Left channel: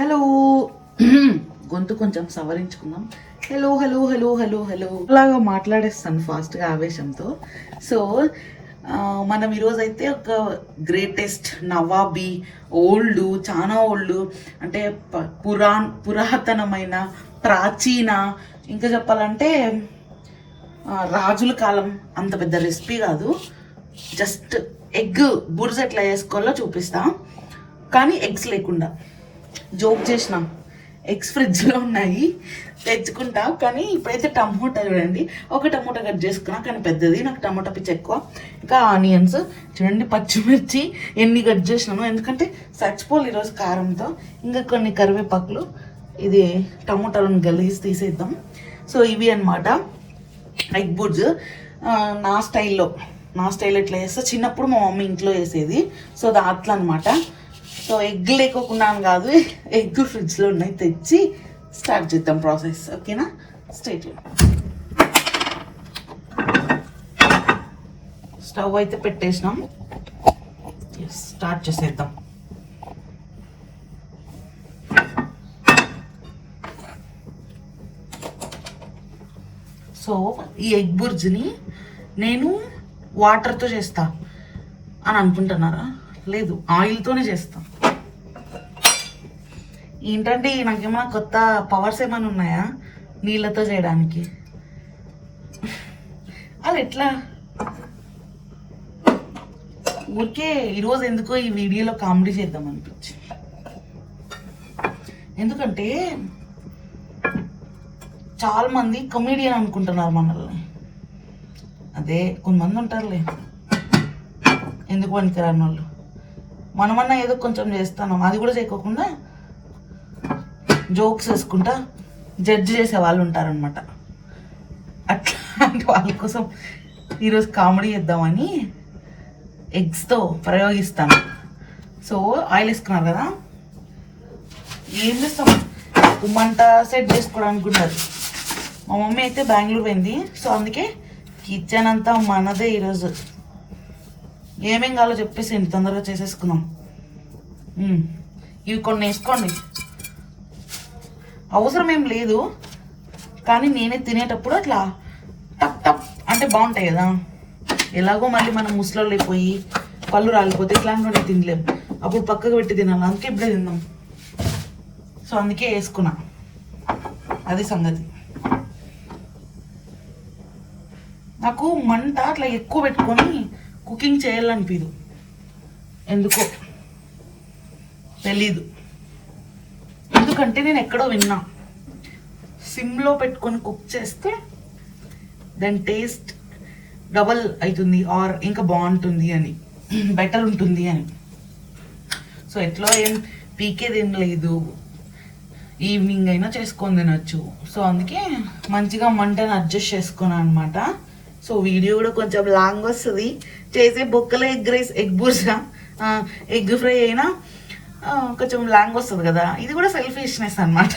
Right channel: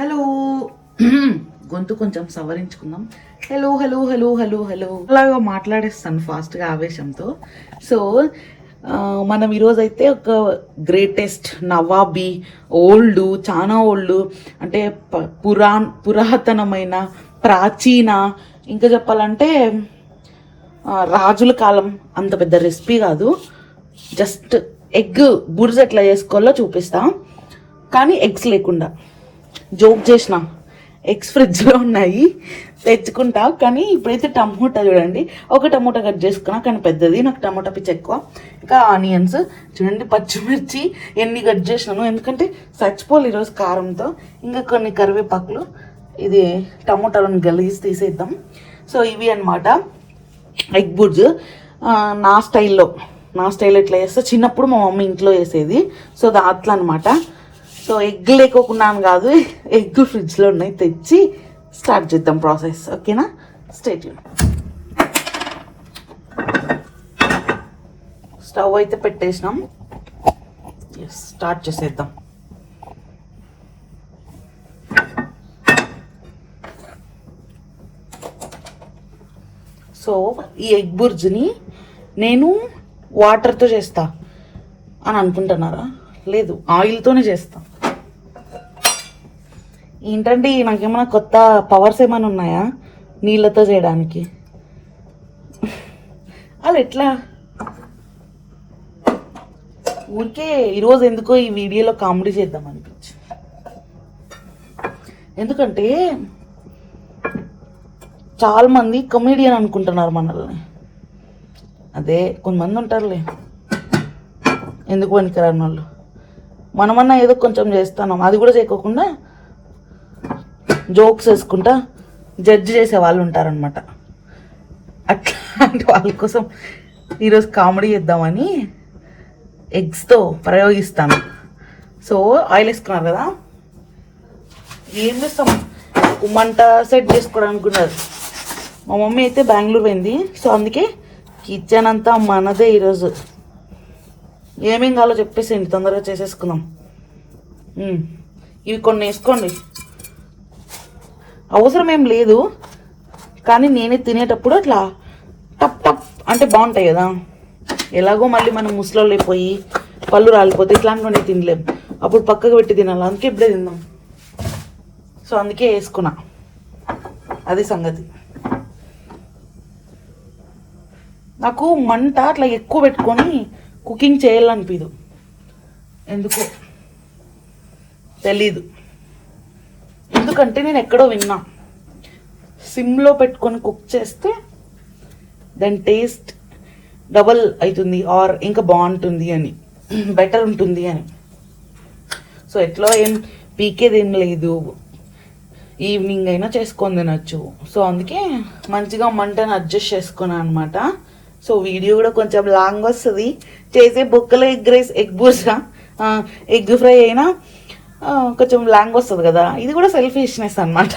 Hello గొంతు కొంచెం సవరించుకుందాం. Hello hello hello hello hello అలాగా మాట్లాడేస్తాను ఫాస్ట్గా ఆవేశంతో. సో మనం ఈరోజైతే ఒక గ్రేటెస్ట్ నవాబీ ఓల్డ్ చాలా ఓల్డ్ అంటే పురా పురాన్ పురాతనమైన ప్రాచీన ఇంకా చెప్పాలంటే రాజుల కాలం అంత పెద్ద రెసిపీ కాదు. జస్ట్ ఎగ్ బుర్జ్ ఎట్లా చేసుకోవాలో చూపిస్తాం. కానీ ఎగ్స్ లేకుండా. జోక్ చేసిన. ఎగ్స్ ఫ్రిడ్జ్లో ఉన్నాయి. తెచ్చుకుంటా కానీ ఇప్పుడైతే టమోటా చూడండి. ఒక టమోటా కట్ చేసుకున్నా కానీ పెద్దది. నాకు టమోటా పిచ్చి ఎక్కువ. ఇంకా ఆనియన్స్. చూడండి పచ్చిమిర్చి ఎన్ని కట్ చేసినాను. ఎందుకంటే చచ్చిపోలు ఈరోజు కారంతో. ఇంకా కొన్ని కరివేపాకులు. ఇది టమోటాలను గలీజ్ తీసేద్దాం. సో ఇవి అన్నమాట. ఎగ్ బుడ్జ్ నా స్టైల్లో. నా స్టైల్ ఎట్లా చేస్తే? చిన్నప్పుడు మా మమ్మీ ఇంట్లో వేసేది సో అట్లా అనమాట సో ఎగ్ లేకోకుండా కాదు ఎగ్ ఫ్రిడ్జ్లో ఉన్నాయి తెచ్చి స్టార్ట్ చేద్దాం ప్రాసెస్ ఓకేనా? స్టేట్ స్టవ్ అయితే పెట్టేసినాం. స్టార్ట్ చేసేద్దాం. సో ఈ ఎగ్ బుర్జ్ని నేను వాటర్తో చేస్తా అని అనుకుంటున్నారా? లేదు ఆయిల్తోనే చేస్తాను ఏంటండి నాకేమైనా కొత్త పవర్స్ ఏమైనా ఉన్నాయా? నీళ్ళతో చేయడానికి. అది ఎట్లా? ఊరికే ఈరోజు ఎందుకో ఈ వీడియోలో కామెడీ చేద్దాం అనిపించింది. ఎందుకంటే చాలా మంది కమీడియన్ అనుకుంటున్నారు మనల్ని. అదే కొంతమంది ఉంటారులే. ఎందుకు పనికిరాని వాళ్ళు? మనమన్నా ఏదో కొంచెం చేస్తాం అది కూడా చేయకోకుండా జోక్స్ వేసుకుంటా జడ్జ్ చేసే వాళ్ళు ఉంటారనమాట అట్లాంటి వాళ్ళ కోసం ఈరోజు కామెడీ చేద్దామని ఎగ్స్తో ప్రయోగిస్తాను. సో ఆయిల్ వేసుకున్నారు కదా? ఏం చేస్తాం? ఒక సెట్ చేసుకోవడానికి ఉన్నారు. మా మమ్మీ అయితే బెంగళూరు పోయింది. సో అందుకే కిచెన్ అంతా మనదే ఈరోజు. ఏమేం కావాలో చెప్పేసేయండి తొందరగా చేసేసుకుందాం. ఇవి కొన్ని వేసుకోండి. అవసరం ఏం లేదు. కానీ నేనే తినేటప్పుడు అట్లా టప్ టప్ అంటే బాగుంటాయి కదా. ఎలాగో మళ్ళీ మనం ముసలోళ్ళు పోయి పళ్ళు రాలిపోతే ఇట్లాంటివన్నీ తినలేం. అప్పుడు పక్కకు పెట్టి తినాలి. అందుకే ఇప్పుడే తిందాం సో అందుకే వేసుకున్నా. అది సంగతి. నాకు మంట అట్లా ఎక్కువ పెట్టుకొని కుకింగ్ చేయాలనిపించదు ఎందుకో తెలీదు. ఎందుకంటే నేను ఎక్కడో విన్నా. సిమ్లో పెట్టుకొని కుక్ చేస్తే దాని టేస్ట్ డబల్ అవుతుంది ఆర్ ఇంకా బాగుంటుంది అని బెటర్ ఉంటుంది అని. సో ఎట్లా ఏం పీకేది ఏం లేదు. ఈవినింగ్ అయినా చేసుకొని తినొచ్చు. సో అందుకే మంచిగా మంటను అడ్జస్ట్ చేసుకున్నాను అనమాట సో వీడియో కూడా కొంచెం లాంగ్ వస్తుంది. చేసే బొక్కలో ఎగ్ రైస్ ఎగ్ బూస ఎగ్ ఫ్రై అయినా కొంచెం లాంగ్ వస్తుంది కదా. ఇది కూడా సెల్ఫిష్నెస్ అనమాట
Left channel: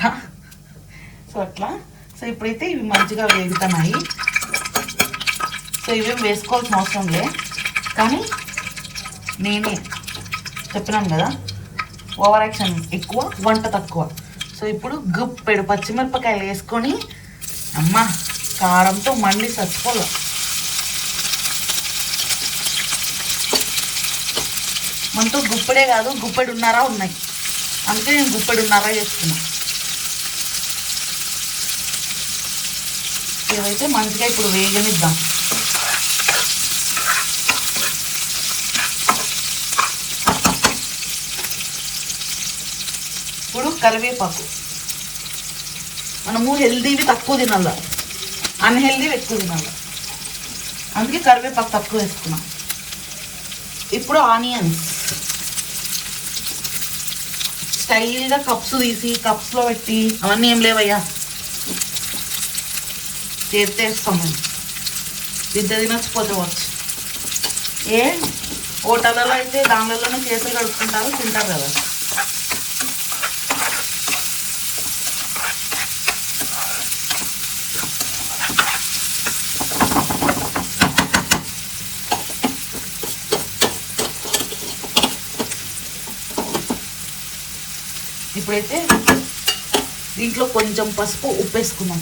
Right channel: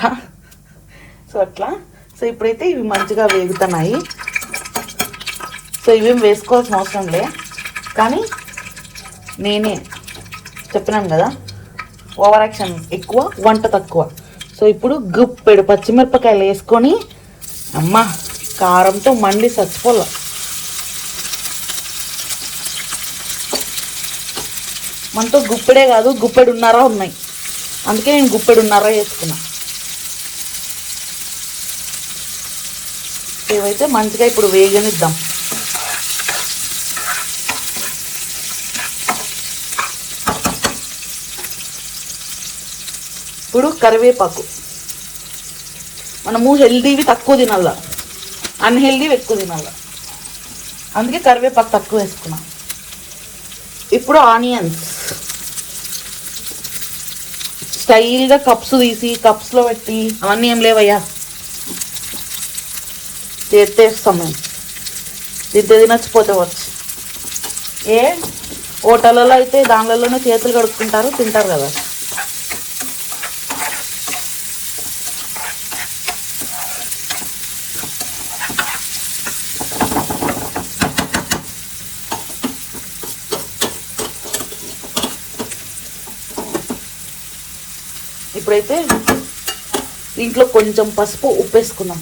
సో అట్లా. సో ఇప్పుడైతే ఇవి మంచిగా వేగుతున్నాయి. సో ఇవేం వేసుకోవాల్సిన అవసరం లే. కానీ నేనే చెప్పినాను కదా ఓవర్ యాక్షన్ ఎక్కువ వంట తక్కువ. సో ఇప్పుడు గుప్పెడు పచ్చిమిరపకాయలు వేసుకొని అమ్మ కారంతో మండి చచ్చిపోలే మనతో గుప్పెడే కాదు గుప్పెడున్నారా ఉన్నాయి. అందుకే నేను గుప్పెడున్నర వేసుకున్నా ఇవైతే మంచిగా ఇప్పుడు వేగనిద్దాం ఇప్పుడు కరివేపాకు. మనము హెల్దీవి తక్కువ తినాల. అన్హెల్దీవి ఎక్కువ తినాల. అందుకే కరివేపాకు తక్కువ వేసుకున్నాం ఇప్పుడు ఆనియన్స్. స్టైల్గా కప్స్ తీసి కప్స్లో పెట్టి అవన్నీ ఏం లేవయ్యా. చేస్తేస్తాం మేము. తింటే తినచ్చిపోతే వచ్చు. ఏ? హోటళ్ళలో అయితే దానిలోనే చేతులు కడుక్కుంటారు తింటారు కదా. ఇప్పుడైతే దీంట్లో కొంచెం పసుపు ఉప్పు వేసుకుందాం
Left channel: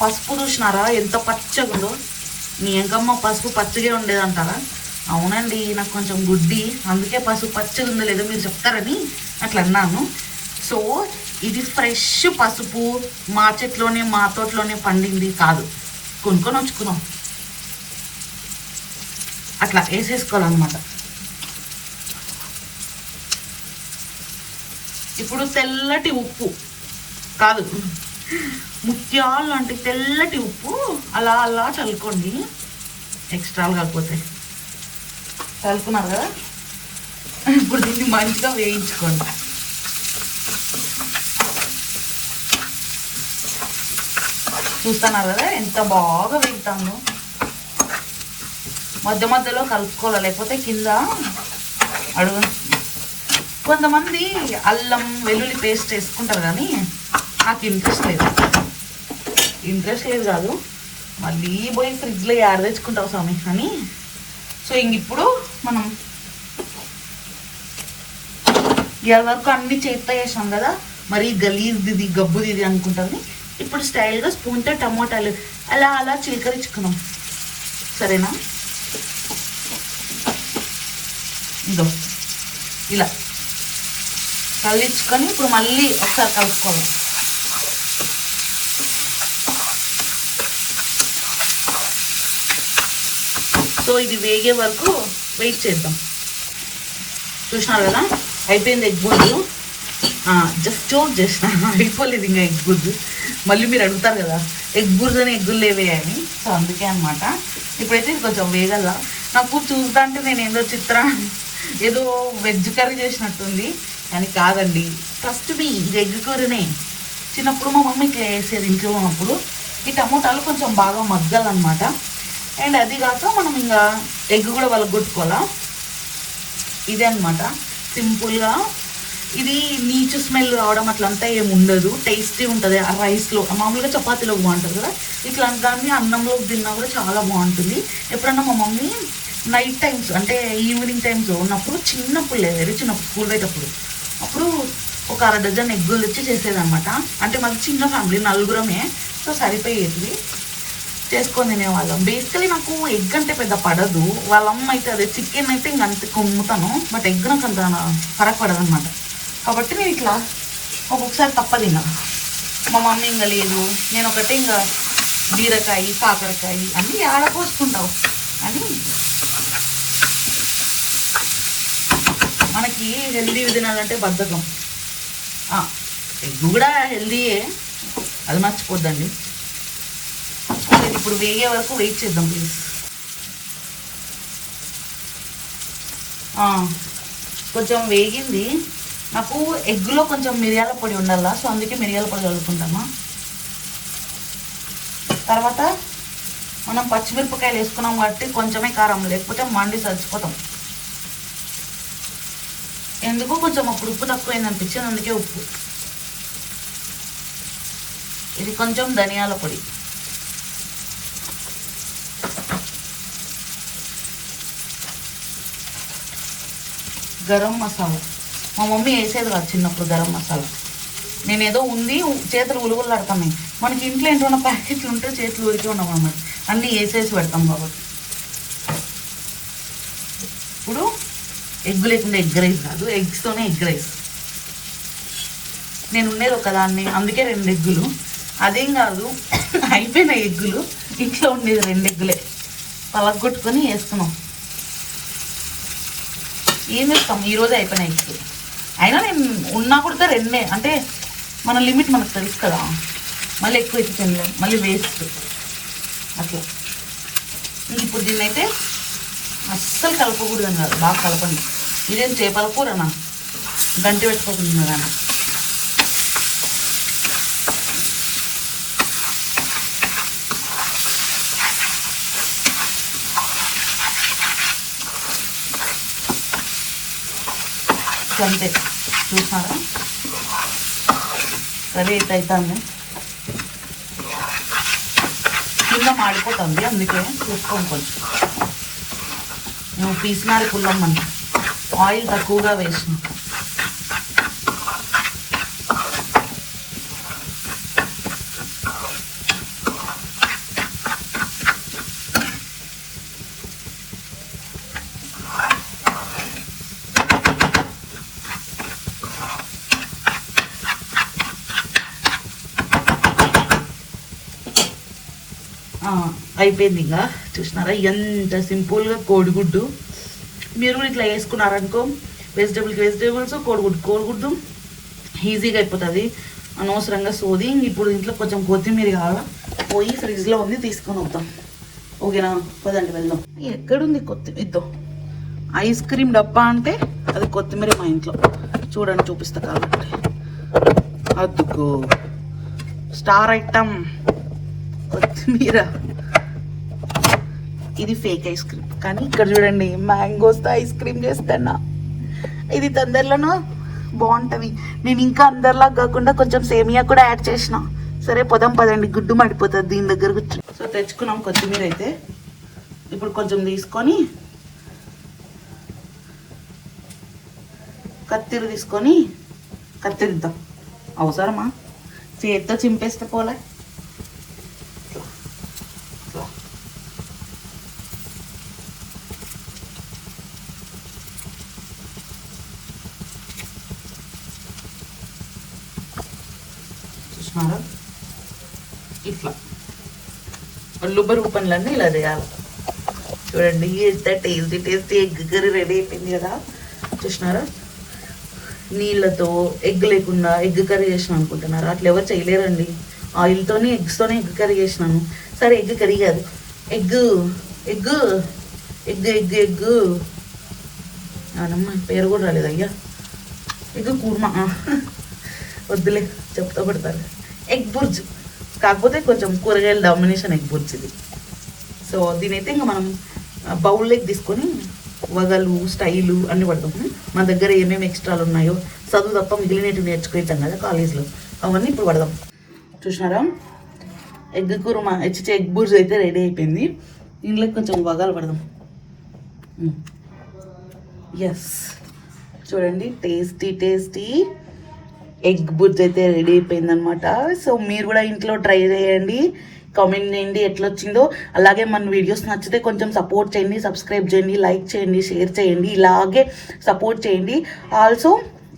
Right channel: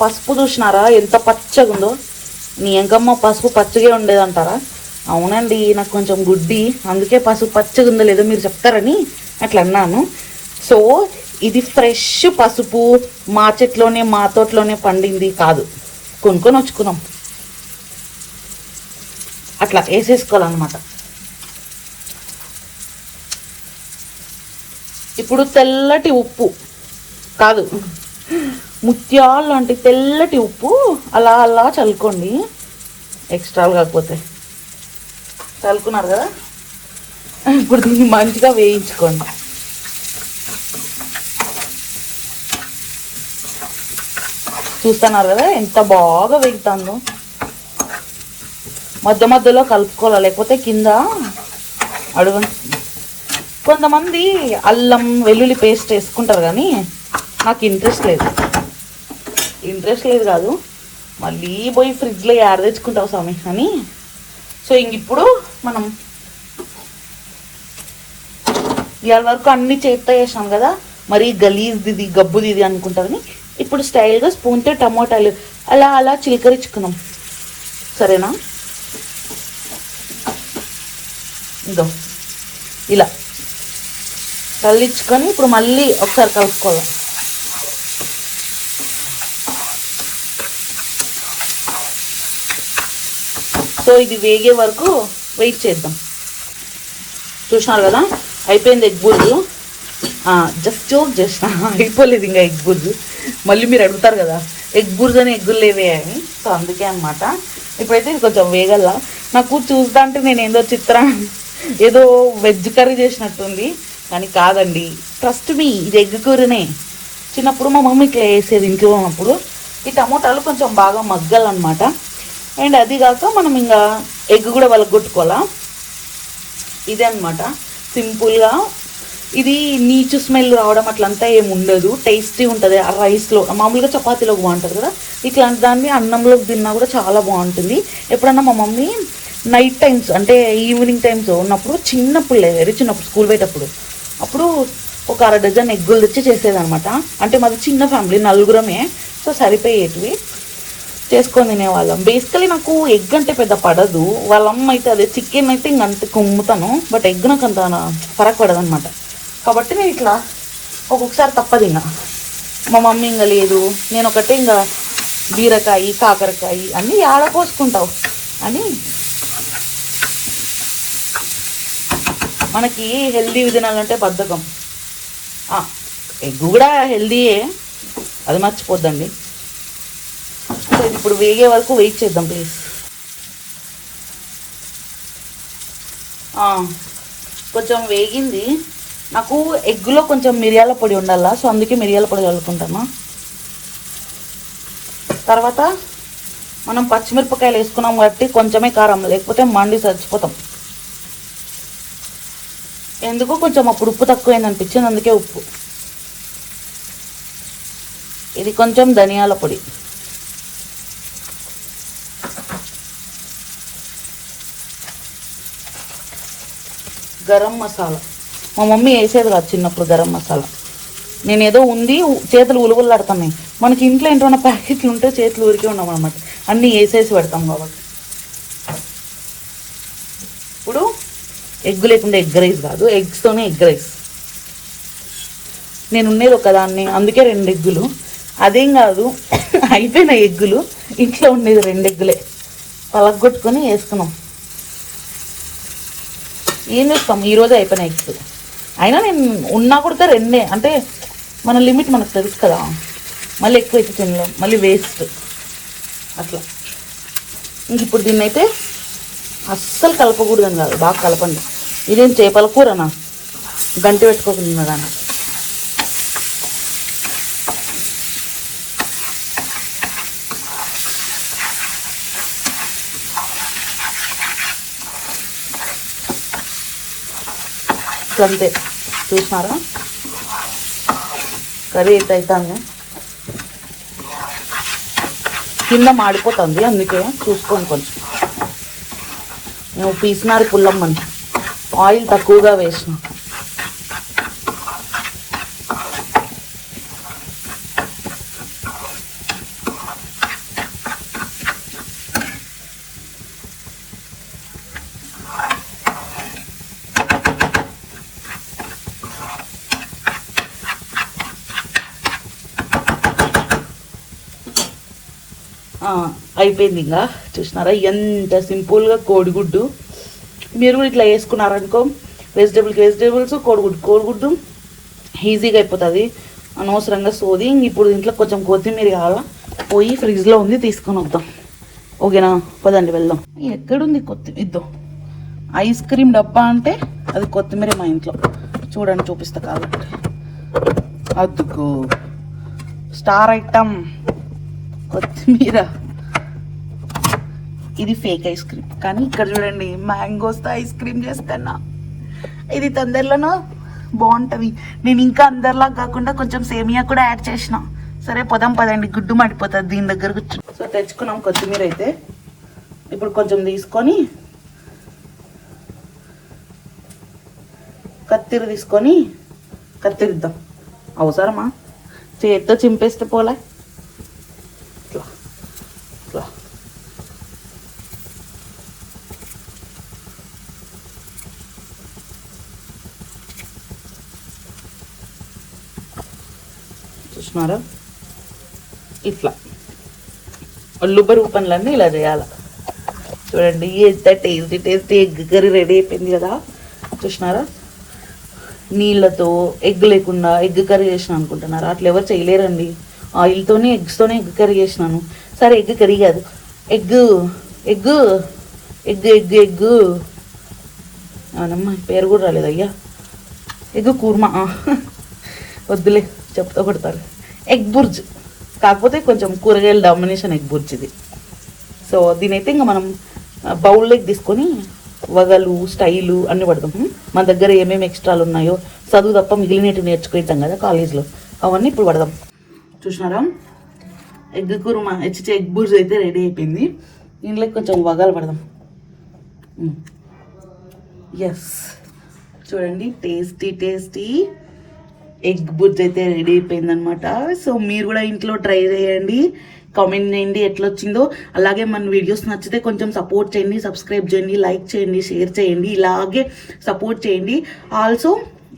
పసుపు చూసినారా? ఎంత పచ్చగా ఉందో నీ ఎంకమ్మ పసుపు పచ్చగా ఉండేదంటారా? అవునండి నాకు కొంచెం గుడ్డి అందుకే పసుపు పచ్చగా ఉందో లేదో మీరు చెప్తారని అట్లా అన్నాను. సో ఇది ఫ్రెష్ పసుపు మా చెట్లోనే మా తోటలోనే పండింది కాదు. కొనుక్కొని వచ్చుకున్నాం అట్లా వేసేసుకోవాలన్నమాట. ఇప్పుడు తెల్లటి ఉప్పు కాదు. ముత్యాలు లాంటి తెల్లటి ఉప్పు అలా అలా చల్లుకోండి. ఎక్స్ట్రా కాకపోతే. చల్లుకున్నారు కదా? ఇప్పుడు దీన్ని మంచిగా వేయించుకోండి. చూస్తున్నారు కదా ఎంత బాగా వేగుతుందో. మధ్య మధ్యలో కలుపుకోవాలి? లేకపోతే కింద? అడుగు కొంతమంది అల్లం వెల్లుల్లి పేస్ట్ వేసుకుంటారు కానీ నాకు ఇంట్రెస్ట్ లేదు. ఇంట్రెస్ట్ లేదు కాదు. మళ్ళీ పోయి ఫ్రిడ్జ్లో యాడ తెచ్చుకుంటావు స్వామి? అని. సో ఇంక ఇప్పుడు మనం ఇవాళ వరకు అన్ని చేత్తో వేసాం కదా? మరి గలీజ్ది గబ్బుది ఇది అనుకుంటారని ఇప్పుడు స్టైల్గా స్పూన్తో టమోటాలు అలా అలా చిలకరించుకున్నాం సరేనా? ఇదో. ఇలా. కల్లించుకొని ఇప్పుడు మళ్ళీ ఒకసారి కలుపుకోవాలి. సో ఇది వేగే వరకు వెయిట్ చేద్దాం. చూసినారు కదా? అయిపోయింది ఎగ్ బుర్జు జస్ట్ జోక్ చేసిన. అయిపోలేదు ఇంకా ఎగ్ బుర్జు మళ్ళీ మీరు అడుగుతారు కదా ఎగ్ బుర్జు అని ఎగ్గులు లేవే అని. సో అందుకే అనమాట ఇప్పుడైతే ఇది కొంచెం వేగల నాకు చూస్తా అంటే నేను ఏదో చిత్రం ఏదో వెజ్ కర్రీ చేసినట్టుంది. కానీ కాదండి ట్రస్ట్ మీ ఇది ఎగ్ కూరనే. చిన్నప్పుడు మా మమ్మీ ఇట్లా వేసేది ఇంట్లో ఉన్నప్పుడు ఈ టమోటాలు కొంచెం బాగా మగ్గాలన్నమాట. అండ్ అది కాక మనం ఇంకా ఎగ్ కూడా వలగొట్టుకోవాలా. ఇదే అనమాట సింపుల్గా ఇది నీచు స్మెల్ రావడం అట్లంతా ఏమి ఉండదు. టేస్టీ ఉంటుంది. ఆ రైస్లో మామూలుగా చపాతీలో బాగుంటుంది కదా. ఇట్లాంటి దాన్ని అన్నంలోకి తిన్నా కూడా చాలా బాగుంటుంది. ఎప్పుడన్నా మా మమ్మీ నైట్ టైమ్స్ అంటే ఈవినింగ్ టైమ్స్ ఉన్నప్పుడు చిన్నప్పుడు లేదు వెరీ చిన్నప్పుడు స్కూల్ పోయేటప్పుడు. అప్పుడు ఒక అర డజన్ ఎగ్గులు తెచ్చి చేసేదనమాట అంటే మాది చిన్న ఫ్యామిలీ నలుగురమే. సో సరిపోయేది చేసుకొని తినేవాళ్ళం. బేసికలీ నాకు ఎగ్ అంటే పెద్ద పడదు. వాళ్ళమ్మ అయితే అదే చికెన్ అయితే ఇంక అంత కొమ్ముతాను. బట్ ఎగ్ నాకు అంత ఫరక్ పడదనమాట కాబట్టి నేను ఇట్లా ఒక్కొక్కసారి తప్పదు ఇంకా మా మమ్మీ ఇంకా లేదు. నేను ఒకటే ఇంకా బీరకాయ కాకరకాయ అన్నీ ఆడపోసుకుంటావు అని మనకి హెల్దీ తినాలంటే బద్ధకం. ఎగ్ కూడా హెల్దీయే అది మర్చిపోద్దండి. ఇప్పుడు వేగే వరకు వెయిట్ చేద్దాం ప్లీజ్. కొంచెం వేగింది. నాకు ఎగ్గులో కొంచెం మిరియాల పొడి ఉండాలా సో అందుకే మిరియాల పొడి కలుపుకుంటాను తర్వాత మనం పచ్చిమిరపకాయలు వేసుకున్నాం కాబట్టి కొంచెమే కారం లేకపోతే మండి చచ్చిపోతాం. ఎందుకు కొంచెం అప్పుడు ఉప్పు తక్కువైంది అనిపించింది అందుకే ఉప్పు. ఇది కొంచెం ధనియాల పొడి. గరం మసాలా. మా మమ్మీ వేసేది కాదు చిన్నప్పుడు గరం మసాలా. నేను ఏదో ఉంది చేతులు ఉలుగులాడుతున్నాయి మనకి ఇంట్లో ఏంటో ప్యాకెట్లు ఉంటే చేతులు ఊరికే ఉన్నాం అనమాట అన్నీ వేసేసి పెడతాం కాబట్టి. ఇప్పుడు ఎగ్ లేకుండా ఎగ్ రైస్ కాదు ఎగ్స్తోనే ఎగ్ రైస్ నేను ఉండేది ఒకదాన్ని అందుకే రెండు ఎగ్గులు. అదేం కాదు అయిపోయిన ఎగ్గులు ఇంట్లో ఉండేది రెండు ఎగ్గులే. పలగొట్టుకొని వేసుకున్నాం. ఏం చేస్తాం? ఈరోజే అయిపోయిన ఎగ్స్ అయినా నేను ఉన్నా కూడా రెండే అంటే మన లిమిట్ మనకు తెలుసు కదా. మళ్ళీ ఎక్కువ ఎక్కి తినలేం మళ్ళీ వేస్ట్. అట్లా. ఇంక ఇప్పుడు దీన్నైతే అస్సలు కలపకూడదు కాదు బాగా కలపండి. ఇదేం చేపల కూరనా? గంటి పెట్టుకోకుండా కానీ అంతే చూసినారా? కర్రీ అయితే అవుతుంది కింద మాడిపోతుంది అందుకే చూసుకోండి కొంచెం. నువ్వు పీసినారు పుల్లమ్మని ఆయిల్ తక్కువగా వేసిన ఆ, అయిపోయింది ఇంకా. చూసినారా? ఎంత సింపుల్గా కోడిగుడ్డు. మీరు కూడా ఇట్లా వేసుకున్నారనుకో వెజిటేబుల్కి వెజిటేబుల్స్ కోడిగుడ్డు కోడిగుడ్డు ఈజీగా అయిపోతుంది. అనవసరంగా సోది. ఇప్పుడు ఇంట్లో కొంచెం కొత్తిమీర కావాలా? పోయి ఫ్రిడ్జ్లో ఉంది తీసుకొని వద్దాం. ఓకేనా? పదండి వెళ్దాం. ఎక్కడుంది కొత్తిమీర ఇద్దాం. ఐస్ క్రీమ్ డబ్బా అంటే అది కొత్తిమీర మా ఇంట్లో. చూడండి చూపిస్తా కాబట్టి. అద్దుకో. Star item. కొత్తిమీర. ఇది ఫేక్ ఐస్ క్రీమ్ కానీ ఇక్కడ చూడండి మ్యాంగోస్తో ఐస్ క్రీమ్ చేస్తానా ఇది తొందరలోనో బాగుంటుంది. నేను ఇంకా అందరిలా కాకుండా కొంచెం సేమియా కూడా యాడ్ చేసిన. సరే పొదం పదండి. గుడ్డు మడిపోతుంది దీని దగ్గర కూర్చొని. సో తెచ్చుకున్నాం కొత్తిమీర అయితే. ఇప్పుడు కొంచెం తీసుకొని కత్తిరి తీసుకొని కత్తిరిద్దాం. అవసరమా? చేతితో చింపేస్తే పోలే. చూస్తున్నారా ఇట్లా. ఒళ్ళు బరువు పనులన్నీ ఇలా చేయాలి. చూడండి ఎంత tasty tasty egg curry ready అయిపోయింది కదా. చూసినారా? నీళ్ళతో ఎగ్ లేకుండా ఎగ్ కర్రీ చేసిన అనుకుంటున్నారా? అట్లా ఎవరు చేయలేరండి. ఆయిల్తోనే ఎగ్స్తోనే ఎగ్ కర్రీ చేసినాను. సరే ఎగ్ కర్రీ కాదు. Egg egg egg egg egg. అవునమ్మా పేరు కూడా రాలేదు అయ్యా ఎగ్ కూర్మా. వద్దులే చెప్తా పడతారు. ఎగ్ బుర్జ్. కాకపోతే కొంచెం కూరగాయల డామినేషన్ ఎగ్ బుర్జ్ ఇది. సో దీనైతే ఇంకా మనం బౌల్లోకి తీసుకొని వగలు స్టైలు అన్నీ పడతాం. మన దగ్గర ఏమేమి ఎక్స్ట్రాలు ఉన్నాయో చదువు తప్ప మిగిలినట్టు నేర్చుకుంటాం కదా కాలేజ్లో అవన్నీ ఇప్పుడు పడదాం. చూసినారా? ఎగ్ కుర్మా హెచ్చి ఎగ్ బుర్జ్ అయితే రెడీ అయిపోయింది. దీంట్లో కొంచెం వగలు పడదాం. ఎస్ చూడండి టేస్టీ టేస్టీ ఎగ్ బుర్జ్ అయితే రెడీ అయిపోయిందనమాట సో మీరు కూడా ఇంట్లో ట్రై చేయండి. కామెంట్ చేయండి ఎట్లా వచ్చిందో. అలాగే మన వీడియోస్ నచ్చితే కొంచెం సపోర్ట్ చేయండి సబ్స్క్రైబ్ చేయండి లైక్ చేయండి షేర్ చేయండి ఇలాగే సపోర్ట్ చేయండి. ఆల్సో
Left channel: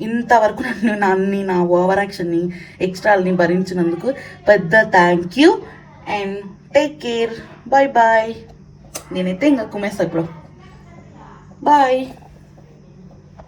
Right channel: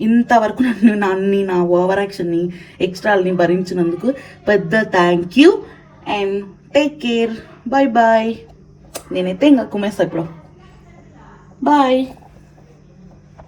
ఇంతవరకు నన్ను నన్ను నా ఓవర్ యాక్షన్ని ఎక్స్ట్రాల్ని భరించినందుకు పెద్ద thank you and take care bye bye నేనైతే ఇంకా కుమేస్తా ఇప్పుడు. బాయ్